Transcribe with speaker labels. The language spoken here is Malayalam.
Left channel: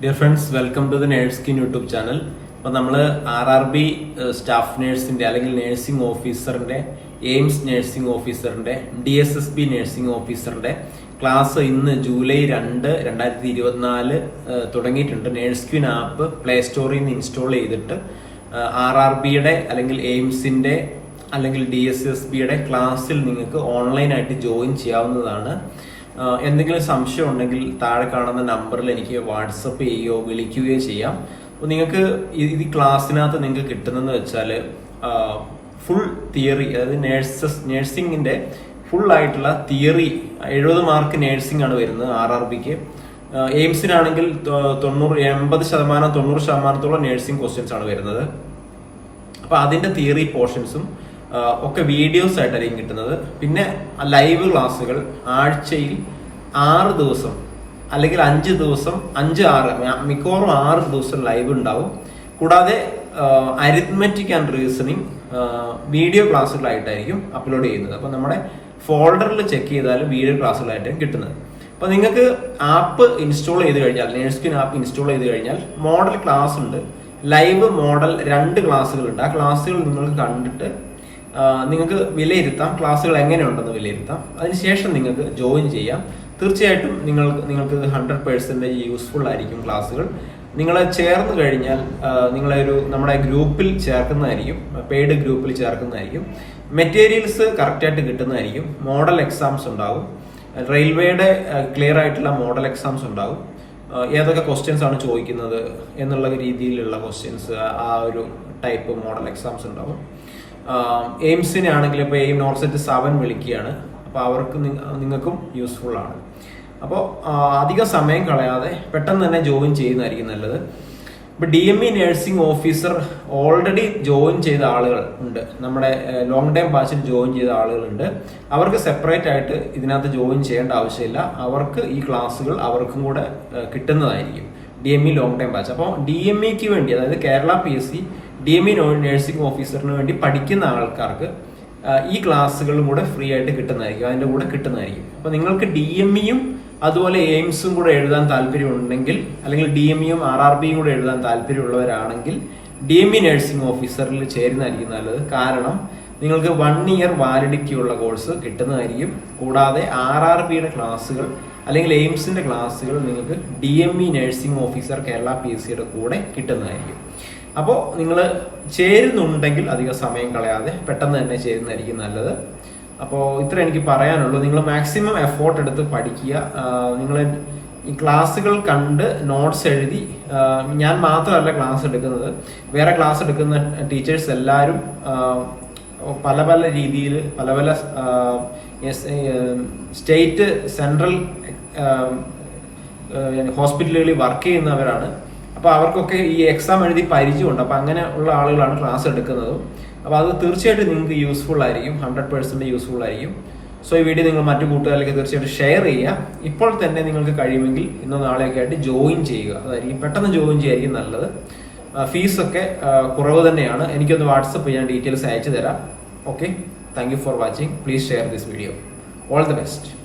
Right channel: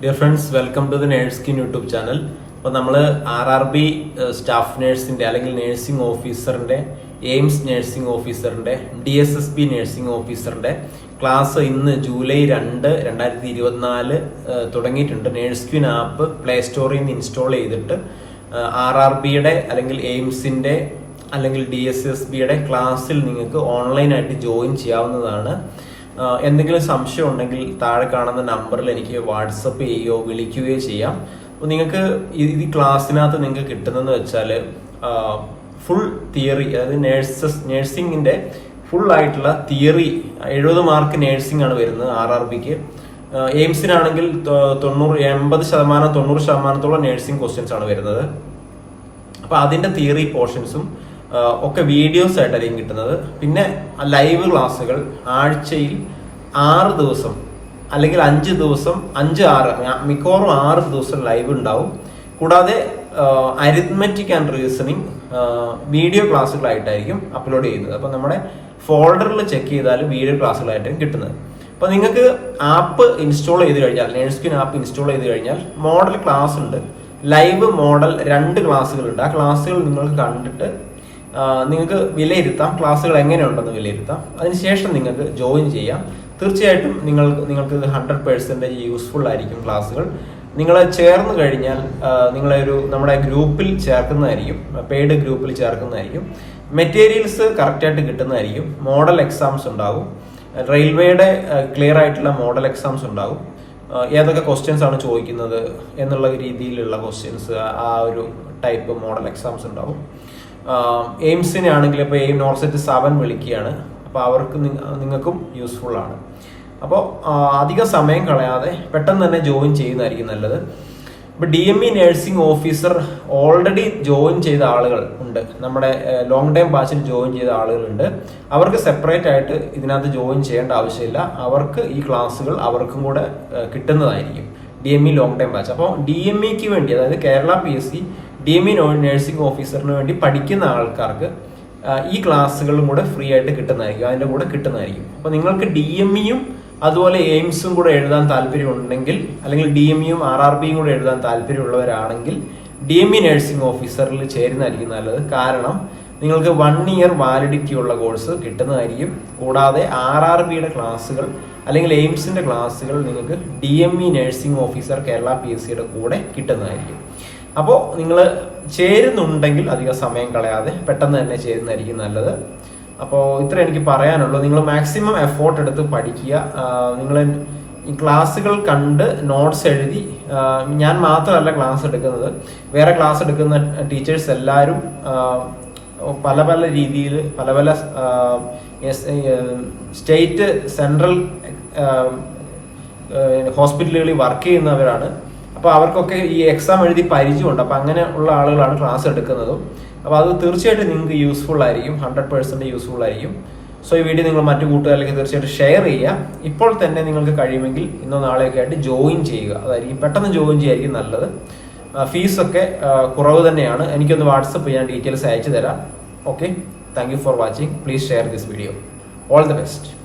Speaker 1: Dear friends welcome to the nurse kin YouTube channel അപ്പോൾ നമ്മൾ ആർ ആർ ബി സ്റ്റാഫ് നേഴ്സിന്റെ അല്ലെങ്കിൽ നേഴ്സിംഗ് ഓഫീസറിന്റെ AIIMS nursing ഓഫീസറിന്റെ D S S B nursing ഓഫീസറിന്റെ class ഇന്ന് ജൂലൈ രണ്ട് രണ്ടായിരത്തി ഇരുപത്തിനാല് തുടങ്ങിയിട്ടുണ്ട്. നേഴ്സ് ക്വിൻ ആപ്പ് പ്ലേ സ്റ്റോറിൽ നിന്ന് ഇൻസ്റ്റാൾ ചെയ്തിട്ട് ആർ ആർ ബിയുടെ അല്ലെങ്കിൽ എയിംസിന്റെ അല്ലെങ്കിൽ ഡി എസ് എസ് ബിയുടെ ക്ലാസ്സിൽ നിങ്ങൾക്ക് ഓൺലൈനായിട്ട് ജോയിൻ ചെയ്യാവുന്നതാണ്. എന്തെങ്കിലും സംശയം ഉണ്ടെങ്കിൽ താഴെ കാണുന്ന നമ്പറിൽ എനിക്ക് വാട്സപ്പ് ചെയ്യുകയോ വിളിക്കുകയോ ചെയ്യാം. അപ്പോൾ നിങ്ങൾക്ക് ഈ ക്ലാസ്സിനകത്ത് നിങ്ങൾക്ക് കിട്ടുന്നതെന്ന് വെച്ചാൽ ഫുൾ തിയറി അതായത് നേഴ്സസ് നേഴ്സിങ്ങിന്റെ ഫുൾ ആയിട്ടുള്ള തിയറി എഴുപത് മാർക്ക് നേഴ്സിംഗ് ആണ് വരുന്നത് ആർ ആർ ബിക്ക്. എയിംസിനാണെങ്കിൽ തൊണ്ണൂറ് എൺപത് ശതമാനം തൊണ്ണൂറ് ശതമാനത്തോളം നേഴ്സിംഗ് ക്വസ്റ്റ്യൻസ് ആണ് വരുന്നത്. അപ്പോൾ അതിന്റെ തിയറി പോർഷൻസും ഒക്കെ വീഡിയോസ് ആയിട്ടായിരിക്കും കിട്ടുന്നത്. പിന്നെ ലൈവ് ക്ലാസ്സുകൾ ആഴ്ചയിൽ ആറ് ദിവസം അല്ലെങ്കിൽ അഞ്ച് ദിവസം അഞ്ച് ആറ് മിക്കവാറും ആറ് ദിവസം ലൈവ് ഉണ്ടാവും. കൂടാതെ അരിത്മെറ്റിക് ആൻഡ് റീസണിങ് വീഡിയോ ക്ലാസ്സുകളായിട്ടായിരിക്കും അപ്ലോഡ് ചെയ്യുന്നത്. അപ്പം നമ്മുടെ ഫോൾഡറിൽ ചെക്ക് ചെയ്താൽ വീഡിയോ ക്ലാസ്സുകളായിട്ടും കിട്ടുന്നത്. അപ്പോൾ നിങ്ങൾക്ക് ആപ്പ് ഇൻസ്റ്റാൾ ചെയ്ത് കഴിഞ്ഞാൽ നേഴ്സ്കിൻ ആപ്പ് ഇൻസ്റ്റാൾ ചെയ്ത് കഴിഞ്ഞാൽ മോഡൽ ക്ലാസ് ഉണ്ട്. ലൈവ് മോഡൽ രണ്ട് ക്ലാസ്സുകളുണ്ട് ആ ക്ലാസ്സുകൾ നിങ്ങൾ കണ്ടിട്ട് നിങ്ങൾക്ക് വിലയിരുത്താം ക്ലാസ്സുകൾ എങ്ങനെയുണ്ടെന്ന് വിലയിരുത്താം. അതിനുശേഷം നിങ്ങൾക്ക് ജോയിൻ ചെയ്യാം. തീർച്ചയായിട്ടും നിങ്ങൾ നിങ്ങൾക്ക് ഹൺഡ്രഡ് പേഴ്സന്റേജ് യൂസ്ഫുൾ ആയിരിക്കും ക്ലാസ്സുകൾ. നിങ്ങളെ ചേർന്ന് കഴിഞ്ഞാൽ നിങ്ങളെ ഒരു നമ്മുടെ ഗ്രൂപ്പിൽ ചേർക്കുന്നതായിരിക്കും പെയ്ഡ് ഗ്രൂപ്പിൽ ചേർക്കുന്നതായിരിക്കും. മെറ്റീരിയൽസ് കറക്റ്റായിട്ട് കിട്ടുന്നതായിരിക്കും. മോഡൽ എക്സാംസ് ഉണ്ടാവും. റെയിൽവേയുടെ ക്ലിയർ ആയിട്ടുള്ള മോഡൽ എക്സാംസ് ഉണ്ടാവും. ഏതൊക്കെ ക്വസ്റ്റ്യൻസ് ആണ് ചോദിക്കുന്നത് എന്നുള്ള രീതിയിലുള്ള ക്വസ്റ്റ്യൻസ് ആ ഒരു ടൈപ്പ് മോഡൽ എക്സാംസ് ഉണ്ടാവും. എയിംസിനെ ആണെങ്കിൽ ഇപ്പോൾ എയിം നോർത്ത് സെറ്റ് സെവൻ വിളിക്കുകയാണ്. അപ്പോൾ അവർക്ക് നിങ്ങൾക്കും യൂസ്ഫുൾ ആണ്. അപ്പോൾ അധിക സമയം കളയാതെ പെട്ടെന്ന് തന്നെ ജോയിൻ ചെയ്യുന്നതായിരിക്കും നല്ലത്. ഇപ്പോൾ D M E nursing officer already join ചെയ്ത ആളുകൾ ഉണ്ട്. നമ്മുടെ ലോങ് ടൈം ബാച്ചിൽ ജോയിൻ ചെയ്ത ആളുകളുണ്ട് അവർക്ക് സെപ്പറേറ്റ് ആയിട്ട് ഇതിനകത്ത് ജോയിൻ ചെയ്യേണ്ട ആവശ്യമില്ല. അവർക്ക് ഈ ക്ലാസ്സുകൾ അവർക്കും കൂടെ കിട്ടുന്നതായിരിക്കും. D M E long time batch അപ്പോൾ ഡി എം ഇക്ക് വേണ്ടി അതായത് Kerala P S C D M E nursing ഓഫീസറിന് വേണ്ടി പഠിക്കുന്ന ആൾക്കാർക്ക് ഈ ക്ലാസ്സുകളും കൂടെ ഫ്രീ ആയിട്ട് കിട്ടുന്നതായിരിക്കും അതിന്റെ കൂടെ കിട്ടുന്നതായിരിക്കും. അപ്പോൾ നിങ്ങൾക്ക് ഡി എം ഇയും അതുപോലെ എയിംസും കൂടെ എഴുതാൻ താല്പര്യമുണ്ടെങ്കിൽ അല്ലെങ്കിൽ ഡി എം ഇയും ആർ ആർ ബിയും കൂടെ എഴുതാൻ താല്പര്യമുള്ളവരാണെങ്കിൽ ഡി എം ഇ നഴ്സിംഗ് ഓഫീസറിൽ ചേരുന്നതായിരിക്കും നല്ലത്. കാരണം നിങ്ങൾക്ക് വൺ ഇയർ വാലിഡിറ്റി ഉള്ള കോഴ്സ് കിട്ടുന്നതായിരിക്കും. കൂടാതെ ആർ ആർ ബിയുടെ ക്ലാസ്സുകൾ അല്ലെങ്കിൽ എയിംസിന്റെ ക്ലാസ്സുകൾ നിങ്ങൾക്ക് D M E nursing officer Kerala P S സിയുടെ കൂടെ കിട്ടുന്നതായിരിക്കും. അപ്പോൾ നിങ്ങൾ ചേരുന്നുണ്ടെങ്കിൽ അധികം സമയം കളയാതെ പെട്ടെന്ന് തന്നെ ചേരുന്നതായിരിക്കും നല്ലത്. അപ്പോൾ ഇത്ര എനിക്ക് പറയാനുള്ളൂ. നിങ്ങൾ മാക്സിമം എഫോർട്ട് എടുത്ത് പഠിക്കുക. നിങ്ങൾ ക്ലാസ്സുകൾ കണ്ട് നോട്ട്സ് എഴുതി ഞാൻ മാത്രമല്ല ക്ലാസ് എടുക്കുന്നത്. വേറെ ക്ലാസ് എടുക്കുന്ന ടീച്ചേഴ്സ് എല്ലാവരും പല പല രീതിയിൽ പല പല സ്റ്റേറ്റ് സെൻട്രൽ ഹോസ്പിറ്റലുകളിൽ വർക്ക് ചെയ്യുന്നവരാണ്. അപ്പൊ അവർക്കൊക്കെ ഈ എക്സാം എഴുതി പരിചയമുണ്ട്. അപ്പോൾ അങ്ങനെ ഉള്ള ആളുകളാണ് ക്ലാസ് എടുക്കുന്നതും. അപ്പോൾ അത് തീർച്ചയായിട്ടും നിങ്ങൾക്ക് യൂസ്ഫുൾ ആയിരിക്കും. ഹൺഡ്രഡ് പേഴ്സെന്റ് യൂസ്ഫുൾ ആയിരിക്കും. സോ ഈ വീഡിയോ നിങ്ങൾ മറ്റു കൂട്ടുകാരിലേക്ക് തീർച്ചയായിട്ടും ഷെയർ ചെയ്യുക. ഇപ്പോൾ തന്നെ നിങ്ങൾക്ക് കഴിയുമെങ്കിൽ ഇന്നോ നാളെയൊക്കെ ആയിട്ട് ജോയിൻ ചെയ്യുക. അതായിരിക്കും പെട്ടെന്ന് ജോയിൻ ചെയ്യായിരിക്കും നല്ലത്. ഫീസൊക്കെ കുറവ് തന്നെയാണ്. എനിക്കൊന്ന് വാട്സപ്പ് ചെയ്യാൻ ഡീറ്റെയിൽസ് അയച്ചു തരാം. Okay thank for watching please share this video all the best